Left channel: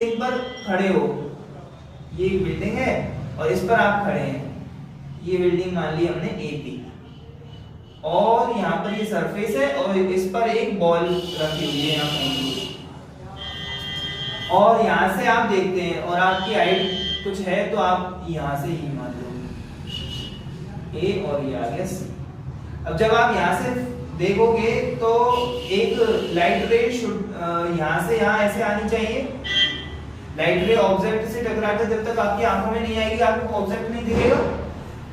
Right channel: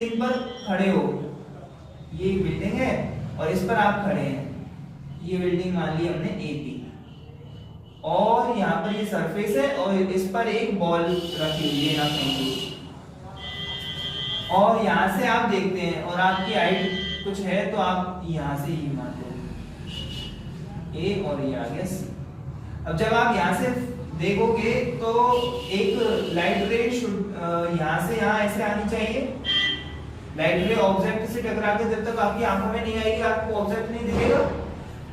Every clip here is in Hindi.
बिल्डिंग पर खड़े हो, ये बिल्डिंग है और इस पर आप खड़े हैं। ये बिल्डिंग मान ली हमने ए पी और यहाँ पर ये सरफेस है और इस पर एक बॉल रखी हुई है यहाँ और यहाँ से आप देखते हैं और आपकी हाइट कुछ है तो आप यहाँ से ही मान लो ए और ये आ गया सी। अब जब आप यहाँ से देखोगे तो एक लाइट रे यहाँ से यहाँ ऐसे आनी चाहिए। लाइट रे ऑब्जेक्ट से टकराकर जब तक आपकी आंखों में नहीं आएगी आपको ऑब्जेक्ट नहीं दिखेगा।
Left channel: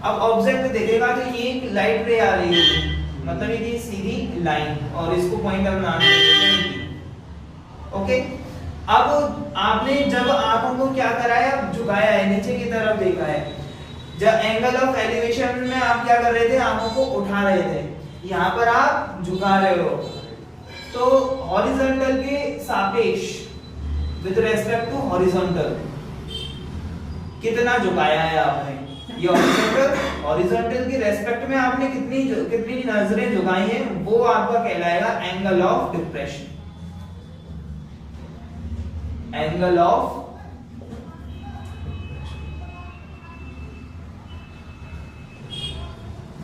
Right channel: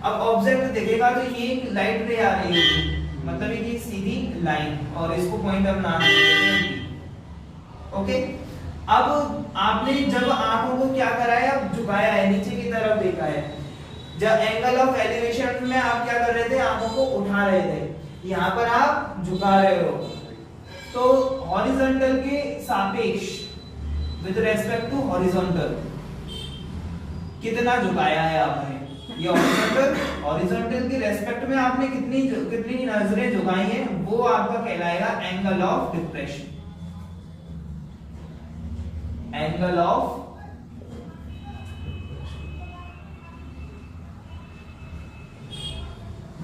अब ऑब्जेक्ट दिखेगा तो ये एक लाइट रे आ रही है, मतलब ये सीधी लाइन और इसको पॉइंट अब नाम देते हैं। ओके, अब आपने जब आंखों को क्या कराया, झुकाया है, नीचे की तरफ देखा है। जब एंगल ऑफ एलिवेशन में आप क्या कर रहे थे, आंखों को उठा रहे थे, यहाँ पर आप झुका रहे हो। तो हॉरिजॉन्टल के सापेक्ष विद रेस्पेक्ट टू हॉरिजॉन्टल कितना झुकाया है आपने, ये हॉरिजॉन्टल की रेस्पेक्ट में आपने कितनी नजरें झुकाई हैं, वो आपका कहलाएगा angle of depression. Angle of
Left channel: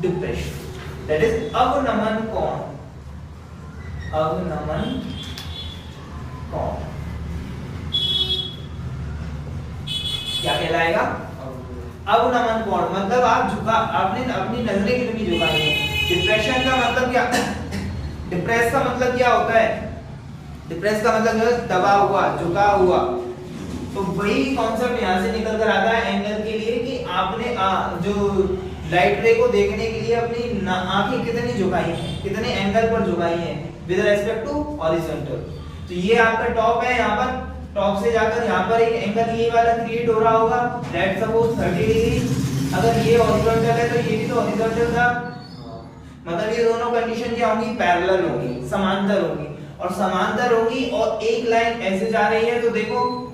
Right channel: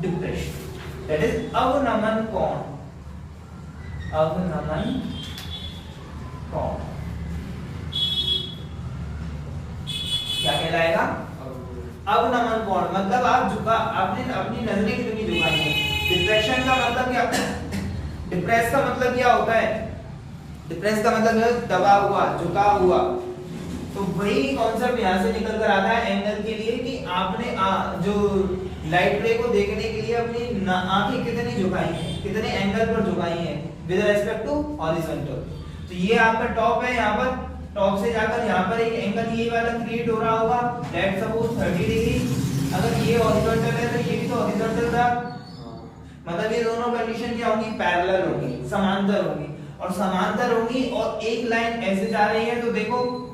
depression that is अवनमन कोण। अवनमन कोण क्या कहलाएगा, अवनमन कोण। मतलब आप आपने अपनी नजरें कितनी झुकाई है। डिप्रेशन का मतलब क्या, डिप्रेस का मतलब क्या होता है, डिप्रेस का मतलब दबा हुआ, झुका हुआ। तो वही कॉन्सेप्ट यहाँ से निकल कर आता है एंगल के लिए कि आपने जो लाइट रे को देखने के लिए अपनी आंखें कितनी झुकाई हैं, कितने एंगल पर झुकाई हैं विद रेस्पेक्ट टू हॉरिजॉन्टल। तो ये आपका टॉप है, यहाँ पर टॉप से जाकर यहाँ पर एक एंगल ये वाला क्रिएट हो रहा होगा, लेट्स सपोज 30 डिग्री। अगर ये हॉरिजॉन्टल है तो ये भी तो हॉरिजॉन्टल था, मतलब ये दोनों कंडीशन क्या होंगी, पैरेलल होंगी, समांतर होंगी। और समांतर होगी और एक लाइन ऐसे जा रही है तो देखो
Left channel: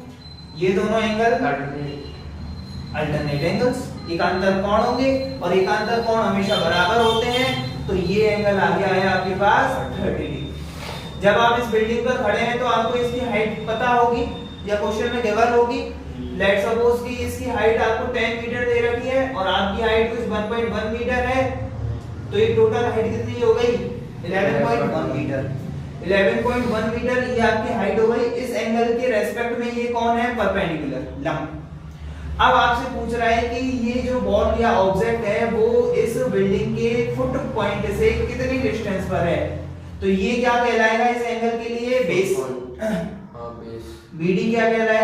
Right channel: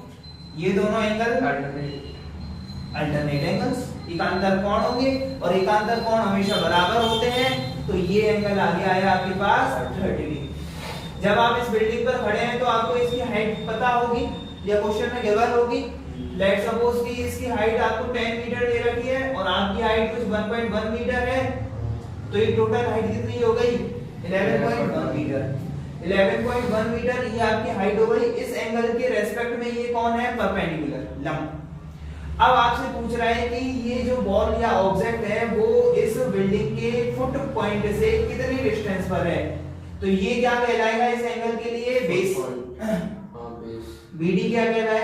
ये दोनों एंगल अल्टरनेट एंगल्स, एकांतर कोण होंगे और एकांतर कोण हमेशा बराबर होते हैं। तो ये एंगल आ गया है आपके पास 30 डिग्री। जब आप इस बिल्डिंग पर खड़े हैं तो आपको इसकी हाइट पता होगी या क्वेश्चन में गिवन होगी। लेट्स सपोज कि इसकी हाइट आपको 10 मीटर दे रखी है और आपकी हाइट कुछ 1.1 मीटर है, तो ये टोटल हाइट कितनी हो गई, 11.1 मीटर। 11.1 मीटर ये आपकी हाइट हो गई। इस एंगल के रेस्पेक्ट में ये कौन है, परपेंडिकुलर, लंब। अब आपसे पूछ रहा है कि ये जो बॉल या ऑब्जेक्ट है वो इस बिल्डिंग के फुट पॉइंट से कितनी डिस्टेंस पर है। तो ये क्या कहलाएगा इस एंगल के लिए, बेस। बीडी क्या कहलाएगा।